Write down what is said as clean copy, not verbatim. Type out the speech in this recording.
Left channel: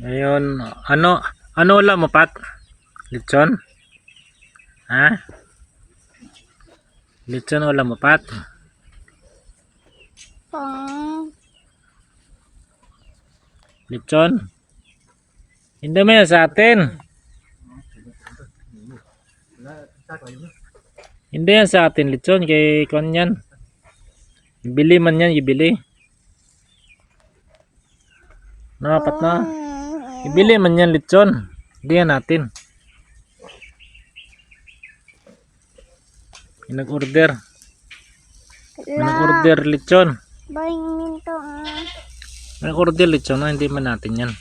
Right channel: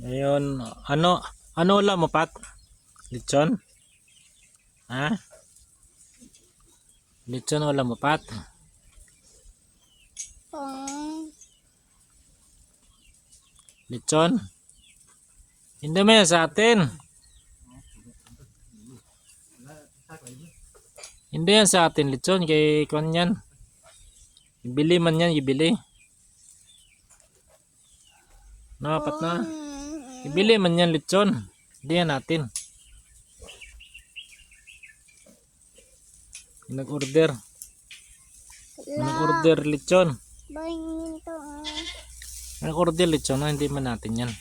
Ngayon, ano ulam mo, Pat? Lechon? Ha? Lechon ulam mo, Pat? Lechon? Hindi mo yan sa atin. Hindi yan sa atin, lechon. Kay kuan yan. Ibili man yan, ibili. No, Pat, no? Ibili man yan, lechon. Hindi yan natin. Nag-order. Nag-order lechon. Nag-order lechon, no? Hindi man natin yan.